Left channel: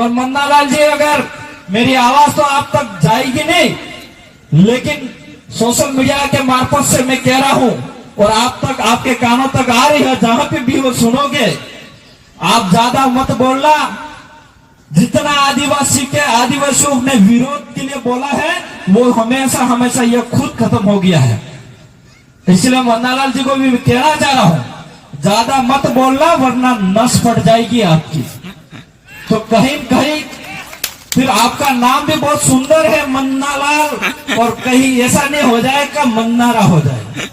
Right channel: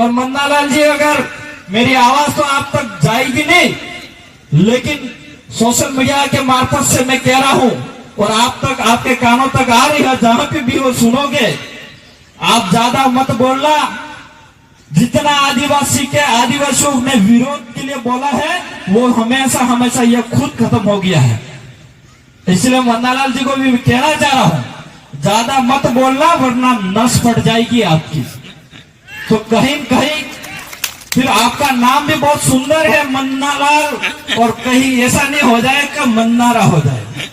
और मन्नालाल जी, अगर मेरी आवाज तो आप तक जाएगी नहीं, लेकिन सोशल मीडिया के मार्फत से मैं कह रहा हूं और आप तक, आपके कानों तक आ रही है, जहां पे भी वो सुनोगे, आप ज्यादा मत बोलना। जितना आदिवासियों में विरोध के लिए बोला है, वो हमेशा हमेशा ये खुद खत्म हो गया है। इसलिए मन्नालाल जी को भी कहना चाह रहा हूं, ज्यादा मत बोलना वरना नस फट जाएगी आपकी। तो कहीं कहीं फिर आपका नाम भी बहुत सुंदर है मन्नालाल, और कहीं ऐसा नहीं हो जाए कि मन्नारा हो जाए।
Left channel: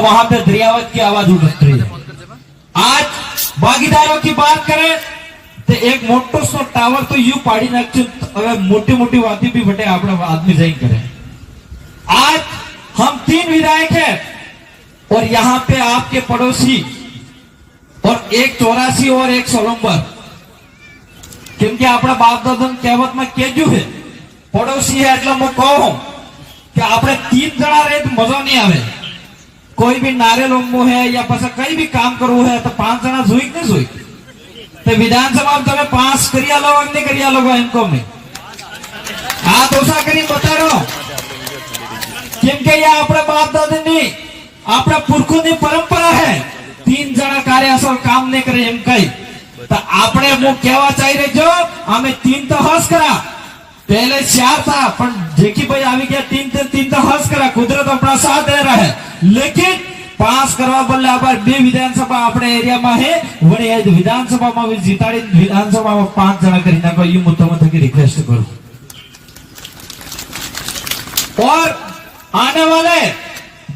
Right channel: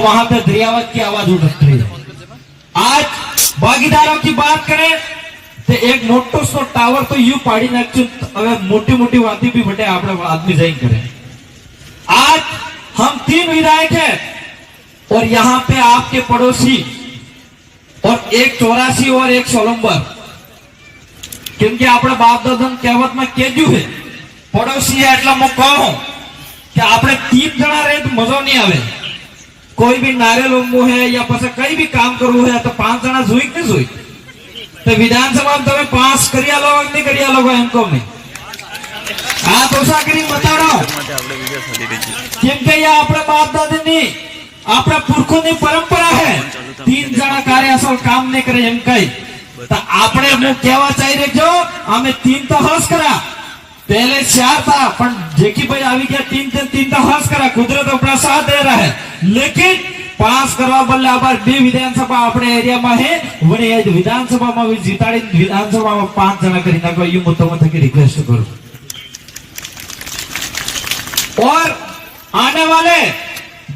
वहां पे दरियावत की आवाज उठ रही है। आज भागीदारों की बात करें तो एक मोटो सो टावर तो यू पाड़ी नाख्यु, मोटी मोटी बातें भी बटे आप आदमी जाइन करें। आज हम 3 विधायक हैं और यहाँ पे आपके पड़ोसी, और एक 84 और एक 16, क्योंकि अपने बाप दादा कहेवत में केजू है, पड़ोसी है એટલે હું કહું કે આપણે 3 જણા રહે તો મજા નહીં આવે। कोई भी नारियल उंबो है या પછી कई भी काम करવું है तो 5 જણા જોઈ કે જોઈ। तो विधानसभा में તમે पास करिया लो नहीं करिया लो इनको में आप ओछा करी बता रहा हूं, क्योंकि यह अपने बाप दादा ની अपने पुरखों ની परंपरा है। 3 જણા कार्य असल काम नहीं करे एम कई तो आपने वो कहवा चाहिए जो हमें 3 तो हंस करा, पहले 4 था पर जेकी भाई आवी गया 3 तो हंस करा, कुदरत अपना साथ दे रहा है। लेकिन पास करवा बदले आबार 2 विधानसभा अपने एरिया में है, वही विधानसभा में भी जीताड़ी विधानसभा में 5 जन करी नाखो, ये मुद्दा की रिक्वेस्ट करूं। और आने वाले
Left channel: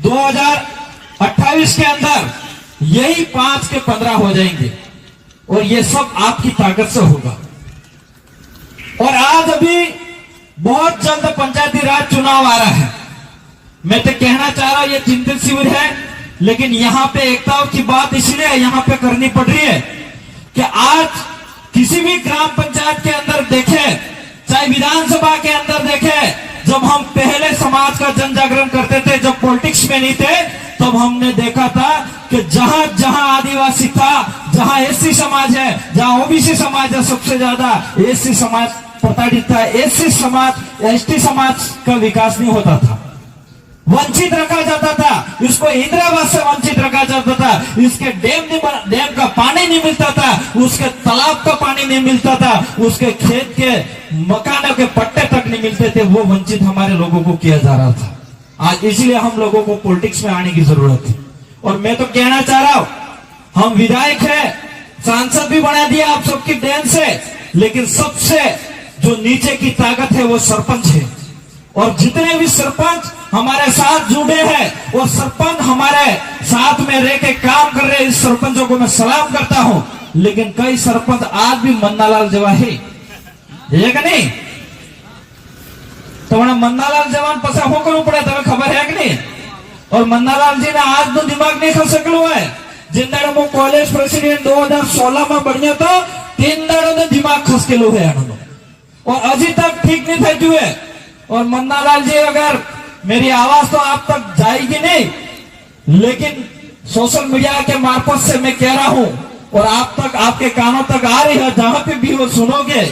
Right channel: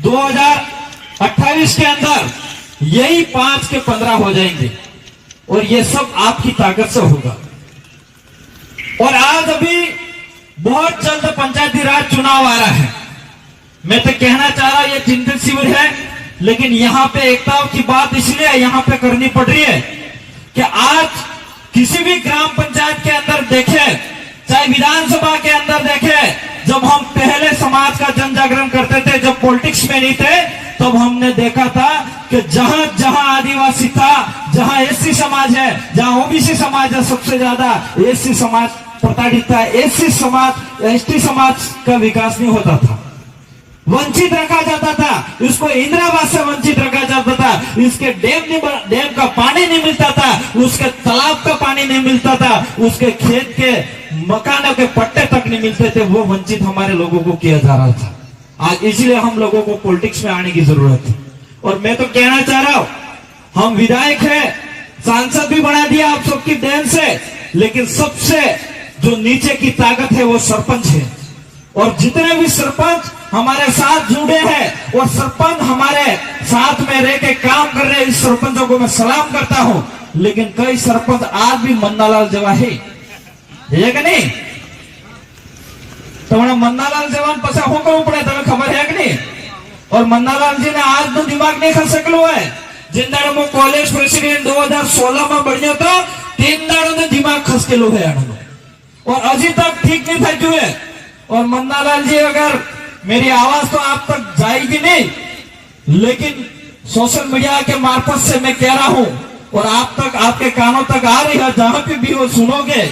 2028 के अंदर यही 5 के 15 हो जाएंगे और ये सब आपकी ताकत से होगा। और आज अभी बहुत जल्द पंचायती राज चुनाव आ रहा है। मैं तो कहना चाह रहा हूं ये चिंतित शिविर है, लेकिन यहाँ पे एकता की बात इसलिए यहाँ पे करनी पड़ रही है कि आज किसी भी ग्राम पंचायत के अंदर देखे, चाहे विधानसभा के अंदर देखे, जब हम पहले समाज का जन जागरण करते थे, जब पॉलिटिक्स में नहीं थे, तब हमने देखा था कि जहां जहां आदिवासी था, जहां एससी समाज है, जहां ओबीसी समाज है, सबसे ज्यादा एससी समाज प्रताड़ित था। एससी समाज, एसटी समाज का विकास नहीं होता था, वंचित रखा जाता था, इसको इंदिरावास से वंचित रखा जाता था, इसके डैम का पानी नहीं मिलता था, उसके तालाब का पानी नहीं मिलता था, उसके खेत के मकानों के पट्टे तक नहीं मिलते थे। वो वंचित हमारे लोगों को किया जा रहा था। आज इसलिए हम लोगों को पॉलिटिक्स में आने की जरूरत है। और मैं तो कहना चाह रहा हूं, हम विधायक हैं, सांसद भी बना दिया आप सबकी देन से, लेकिन सबसे जो नीचे की ताकत है वो सरपंच है। और जितने भी सरपंच हमारे साथ जुड़े हैं और सरपंच हमारे साथ में रह के काम कर रहे हैं, इस सरपंचों को मैं सलाम करता हूं। लेकिन कई सरपंच आज भी मन्नालाल जेवा है कि नहीं? तो मन्नालाल जवान पसा हो करવું પડે તમે ખબર है कि नहीं? और मन्नालाल जी ने आज नो दिमाग नहीं खल सकलो है। जिन दाड़ो मो कॉलेज प्रेसिडेंट 2016 में बन्यो तो 3 दाड़ो ने दिमाग खसकेलो है आनो, और अभी तक ठीक नहीं थयु है। और मन्नालाल जी, अगर मेरी आवाज तो आप तक जाएगी नहीं, लेकिन सोशल मीडिया के मार्फत से मैं कह रहा हूं और आप तक, आपके कानों तक आ रही है, जहां पे भी वो सुनोगे,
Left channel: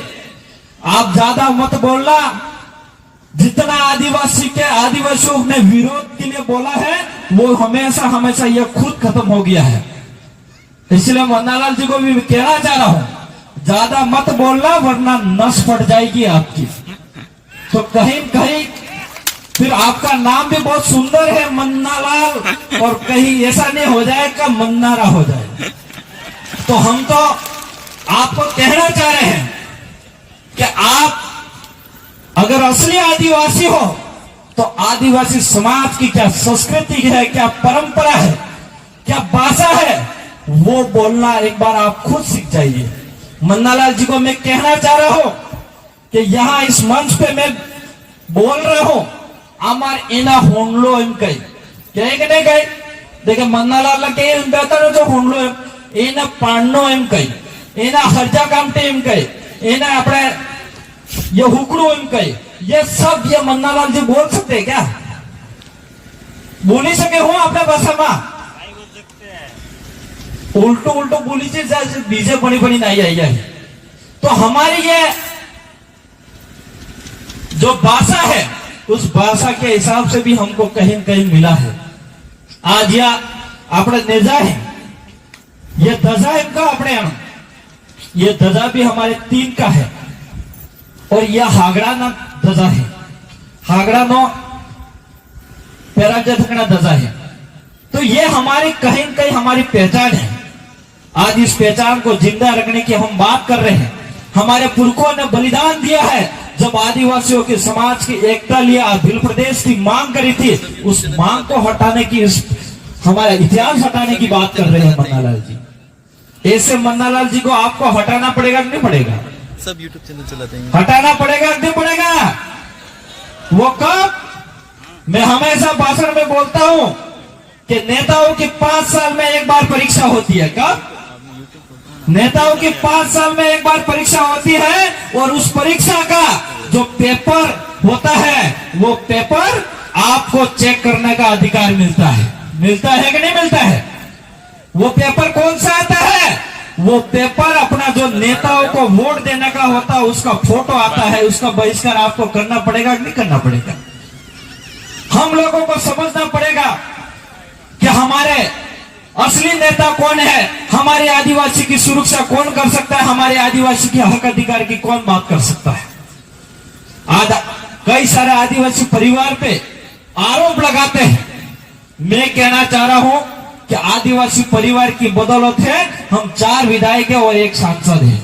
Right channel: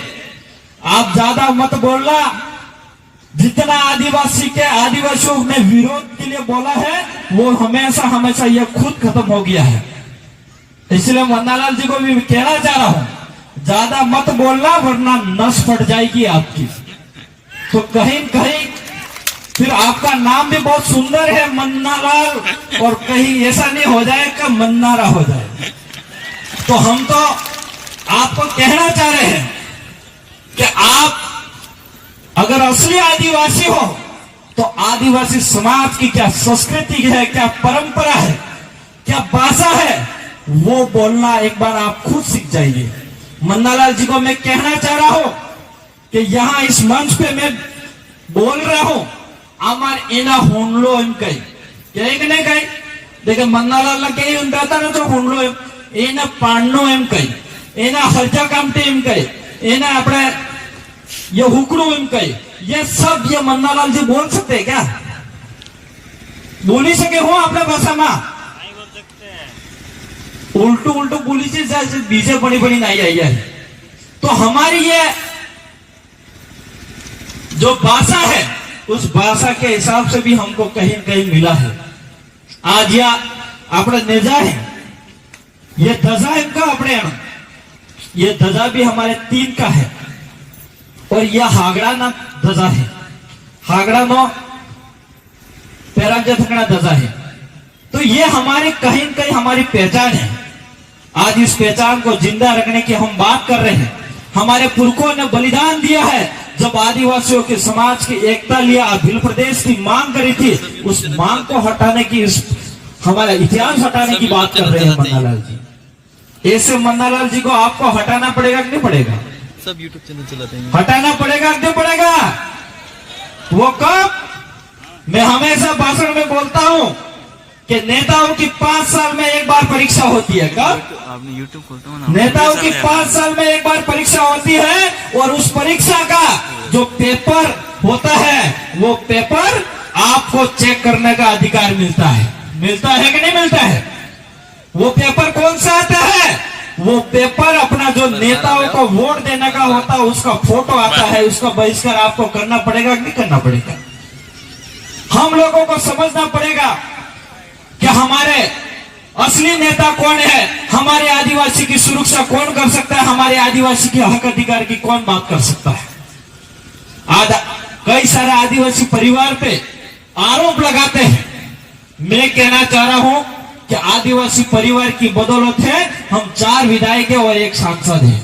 आप ज्यादा मत बोलना। जितना आदिवासियों में विरोध के लिए बोला है, वो हमेशा हमेशा ये खुद खत्म हो गया है। इसलिए मन्नालाल जी को भी कहना चाह रहा हूं, ज्यादा मत बोलना वरना नस फट जाएगी आपकी। तो कहीं कहीं फिर आपका नाम भी बहुत सुंदर है मन्नालाल, और कहीं ऐसा नहीं हो जाए कि मन्नारा हो जाए। तो हम तो आपको कहना चाह रहे हैं कि आप अगर असली आदिवासी हो तो आदिवासी समाज की क्या संस्कृति है, क्या परंपरा है, क्या भाषा है, वो बोलना एक बार आप खुद सीख जाइए। मन्नालाल जी को मैं कहना चाह रहा हूं कि यहां इस मंच पे मैं बोल रहा हूं, आमार एना होंडलो एम कही कहे नहीं कही, देखे मन्नालाल कही बेहतर जो होंडलो एना पाणनो एम कही, एना हरजा कामटे एम कही, एना अपने ये हुकड़ू एम कही, ये सब ये मन्नालाल जी बोल सकते हैं क्या? बोली सके हो अपने भाषा में? उल्टो उल्टो बोली बीजे बनी बनी नहीं आई है। तो तो हमारी ये जो भाषा है उस भाषा के हिसाब से भी हमको कहीं कहीं मिला है। आज या अपने नेजा है, ये दजा इनका अपने यहाँ, ये दजा भी हमारे 3 का है और यह हागड़ा ना दजा है, हागड़ा नो पैराजथकना दजा है। तो ये हमारी कहीं कहीं हमारी पहचान है। आज इस पहचान को जिंदा रखने की हम बात कर रहे हैं। हमारे पुरखों ने बलिदान दिया है। जब आदिवासियों के समाज की एकता लिए भील प्रदेश की मांग करी थी, उस मांग को हटाने की, हमारा इतिहास हटाने की बात कर रहे हैं मन्नालाल जी। ऐसे मन्नालाल जी को आपको हटाना पड़ेगा कि नहीं पड़ेगा? सब यूट्यूब चैनल चलाते हैं। हटाना पड़ेगा कि नहीं पड़ेगा? वो कब? मैं हमेशा भाषण में बोलता हूं कि नेताओं की 5 साल में एक बार परीक्षा होती है। कब? यूट्यूब खोलते हो ना, नेताओं की 5 साल में एक बार परीक्षा होती है और उस परीक्षा का जो पेपर होता है, वो पेपर आपको चेक करने का अधिकार मिलता है। मिलता है कि नहीं मिलता है? वो पेपर कौन सा आता है? वो पेपर अपना जो नेताओं को वोट देने का होता है, उसका फोटो आता है। उसका बहिष्कार आपको करना पड़ेगा कि नहीं करना पड़ेगा? हम लोगों को समझना पड़ेगा कि हमारे असली नेता कौन है, हमारे आदिवासी की सुरक्षा कौन कर सकता है, हमारे आदिवासी के हक अधिकार की कौन बात कर सकता है। आज कई सारे आदिवासी परिवार पे आरोप लगाते हैं। मैं कहना चाह रहा हूं कि आदिवासी परिवार की बदौलत है हम 4 विधायक है और 1 सांसद है।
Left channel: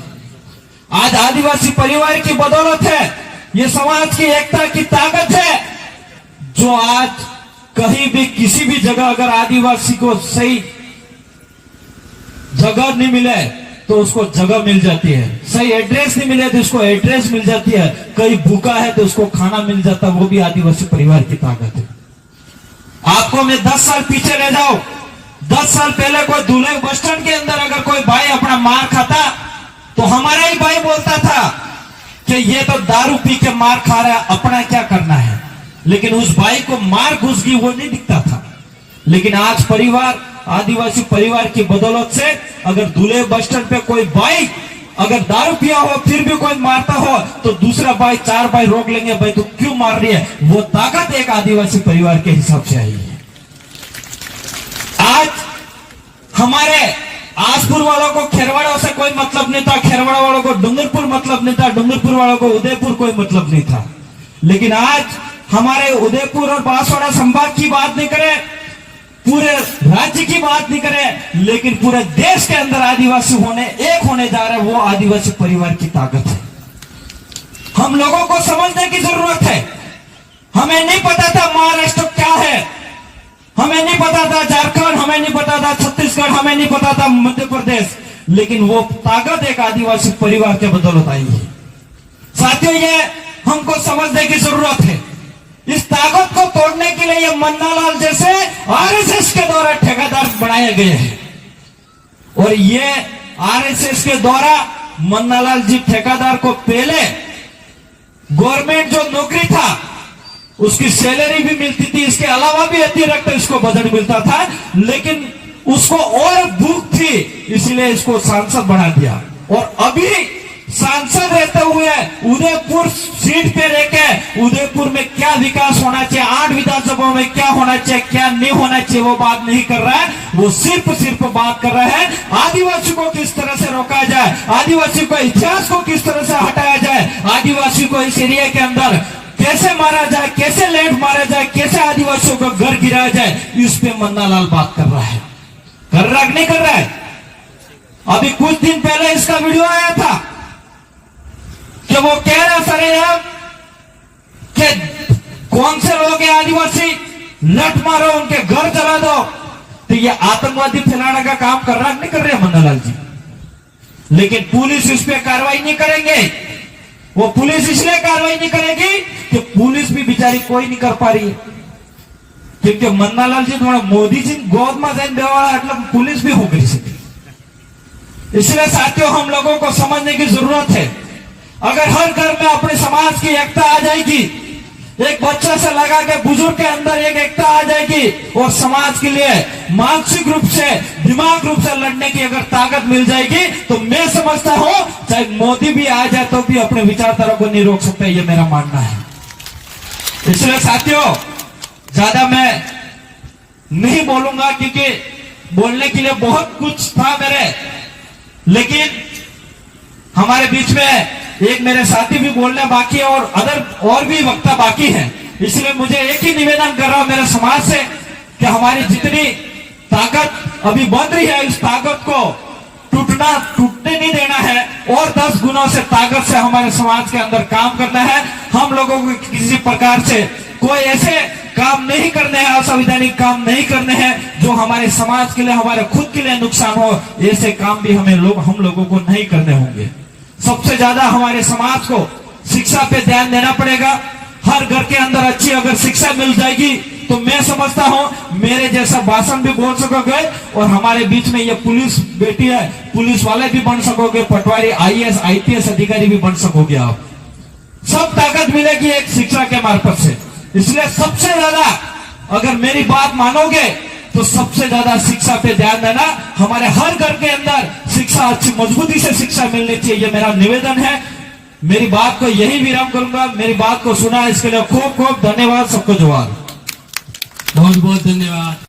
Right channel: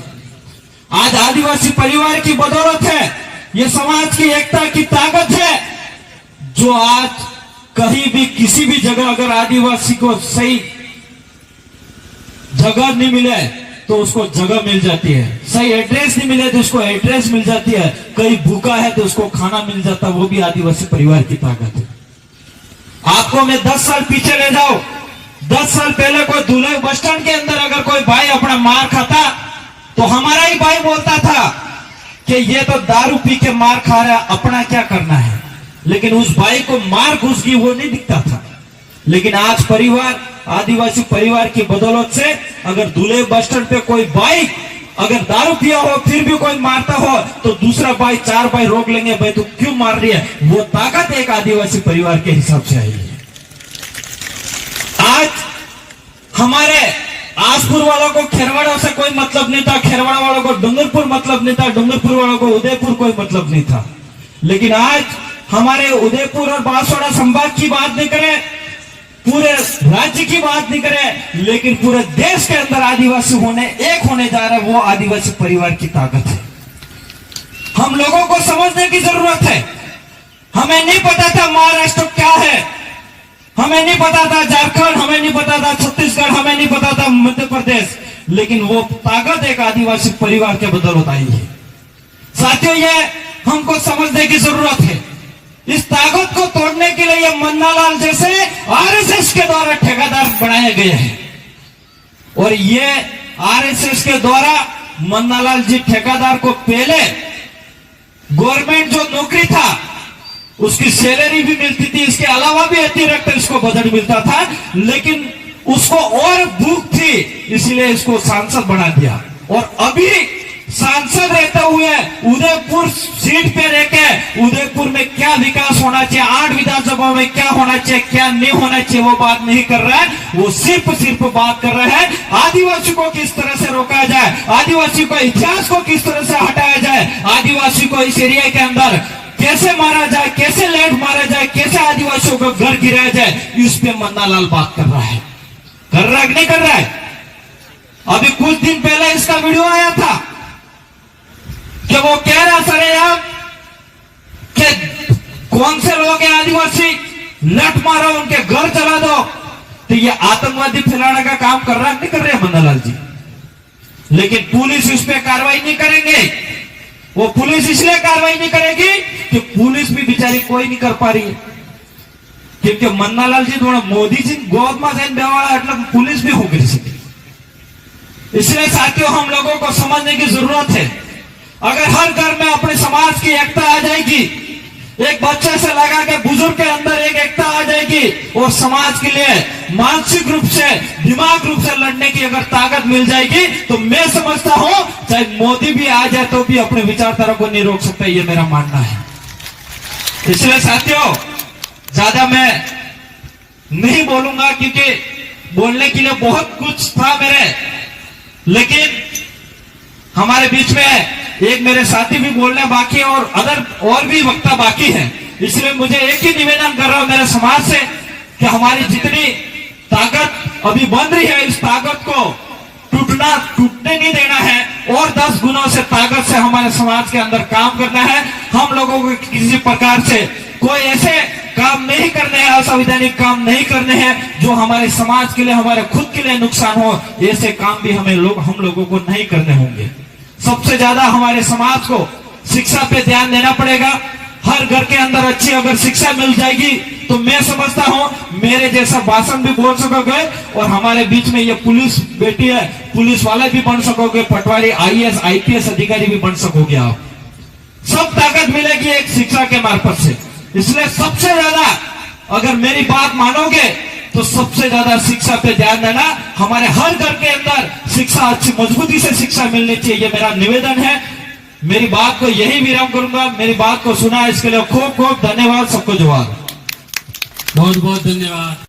आज आदिवासी परिवार की बदौलत है, ये समाज की एकता की ताकत है, जो आज कहीं भी किसी भी जगह अगर आदिवासी को सही जगह नहीं मिले तो उसको जगह मिल जाती है, सही एड्रेस नहीं मिले तो उसको एड्रेस मिल जाती है, कहीं भूखा है तो उसको खाना मिल जाता है। वो भी आदिवासी परिवार की ताकत है। आपको मैं 10 साल पीछे ले जाऊं, 10 साल पहले कोई दूल्हे बस स्टैंड के अंदर अगर कोई भाई अपना मार खाता तो हमारा ही भाई बोलता था कि ये तो दारू पी के मार खा रहा है, अपना क्या करना है। लेकिन उस भाई को मार घुस गई वो नहीं दिखता था। लेकिन आज परिवार, आदिवासी परिवार की बदौलत से अगर दूल्हे बस स्टैंड पे कोई भाई अगर दारू पिया हो फिर भी कोई मारता हो तो दूसरा भाई 4 भाई रोक लेंगे, भाई तो क्यों मार रही है। वो ताकत एक आदिवासी परिवार के हिसाब से आई है। आज हमारे आसपुर वालों को खेरवाड़ा से कोई मतलब नहीं था, खेरवाड़ा वालों को डूंगरपुर मतलब नहीं था, डूंगरपुर वालों को उदयपुर कोई मतलब नहीं था। लेकिन आज हमारे उदयपुर और बांसवाड़ा संभाग की बात नहीं करें, पूरे राज्य की बात नहीं करें, लेकिन पूरे देश के अंदर आदिवासी एक होने जा रहे हैं। वो आदिवासी परिवार की ताकत है। हम लोगों को समझने की जरूरत है। हमें नहीं पता था महाराष्ट्र क्या है, हमें नहीं पता था झारखंड, हमें नहीं पता था छत्तीसगढ़, हमें नहीं पता था मध्य प्रदेश, लेकिन वो ताकत एक आदिवासी परिवार के बदौलत आई है। साथियों, ये हमको समझने की जरूरत है। इस ताकत को तोड़ने के लिए ये मन्नालाल जैसे आरएसएस के द्वारा ठेकेदार बनाए गए हैं और ये आरएसएस के द्वारा मन्नालाल जी ठेकेदार को पहले गवर्नमेंट जो नौकरी था उसकी सैलरी भी मिलती थी, इसके अलावा भी अतिरिक्त इसको बजट मिलता था, लेकिन उसको और भूख थी इसलिए इसको सांसद बना दिया। और अभी सांसद रहते हुए उदयपुर सीट पे रहकर उदयपुर में क्या विकास होना चाहिए, 8 विधानसभा में क्या होना चाहिए, क्या नहीं होना चाहिए, वो बात नहीं कर रहा है। वो सिर्फ बात कर रहा है आदिवासी को किस तरह से रोका जाए, आदिवासी को इतिहास को किस तरह से हटाया जाए, आदिवासी को इस एरिया के अंदर कैसे मारा जाए, कैसे लैंड मारा जाए, कैसे आदिवासियों को घर गिराया जाए, इस पे मन्नालाल बात कर रहा है। कर रहा है कि नहीं कर रहा है? अभी कुछ दिन पहले इसका वीडियो आया था कि वो कह रहा सर यार कि कौन से लोग हैं आदिवासी, लट मारो, उनके घर जला दो। तो ये आतंकवादी फैलाने का काम कर रहा नहीं कर रहे मन्नालाल जी। लेकिन पुलिस इस पे कार्रवाई नहीं करेंगे। वो पुलिस इसलिए कार्रवाई नहीं करेगी कि पुलिस भी बेचारी कोई नहीं कर पा रही है, क्योंकि मन्नालाल जी थोड़ा मोदी जी गोद में जैन बेवाड़ा मतलब पुलिस भी हो गई। इसलिए साथियों, हम लोगों को समझने की जरूरत है। अगर हर घर में अपने समाज की एकता आ जाएगी, एक बच्चे से लगा के बुजुर्ग के अंदर एक एकता आ जाएगी और समाज के लिए मानसिक रूप से, दिमाग रूप से लड़ने की अगर ताकत मिल जाएगी तो मैं समझता हूं चाहे मोदी भी आ जाए तो भी अपने विचारधारा को नहीं रोक सकते, ये मेरा मानना है। इसलिए साथियों ज्यादा मैं नहीं बोलूंगा क्योंकि बोलने के लिए बहुत कुछ था मेरे, लेकिन हमारे बीच में एक मेरे साथी भी बोलना बाकी है और भी वक्ता बाकी है। इसलिए मुझे एक ही निवेदन कर रहा हूं मेरे समाज से कि हमारी जितनी ताकत अभी बन रही है इस ताकत को टूटने नहीं देना है और 10 गुणों से ताकत से हमारे समाज के अंदर काम करना है। हम लोगों को किसी प्रकार से कोई ऐसे काम नहीं करने हैं, असंवैधानिक काम नहीं करने हैं जो हमारे समाज के लिए, हमारे खुद के लिए नुकसान हो। ऐसे काम भी हम लोगों को नहीं करने होंगे। सबसे ज्यादा हमारे समाज को शिक्षा पे ध्यान देना पड़ेगा। हर घर के अंदर अच्छी अगर शिक्षा मिल जाएगी तो मैं समझता हूं मेरे जैसा भाषण भी बोल सकोगे और हमारे बीच में ये पुलिस बेटी है, पुलिस वाले भी बन सकोगे, पटवारी, IAS, IPS अधिकारी भी बन सकोगे। आप सब ताकत मिलेगी एक शिक्षा के मार्फत से। इसलिए सबसे ज्यादा अगर मेरी बात मानोगे तो सबसे ज्यादा शिक्षा पे ध्यान देना। हमारे हर घर के अंदर शिक्षा, अच्छी मजबूती से शिक्षा मिलनी चाहिए, ये मेरा निवेदन है। मेरी बात को यही विराम करूंगा। मेरी बात को सुना इसके लिए खूब खूब धन्यवाद। सबको जोहार। बहुत बहुत धन्यवाद।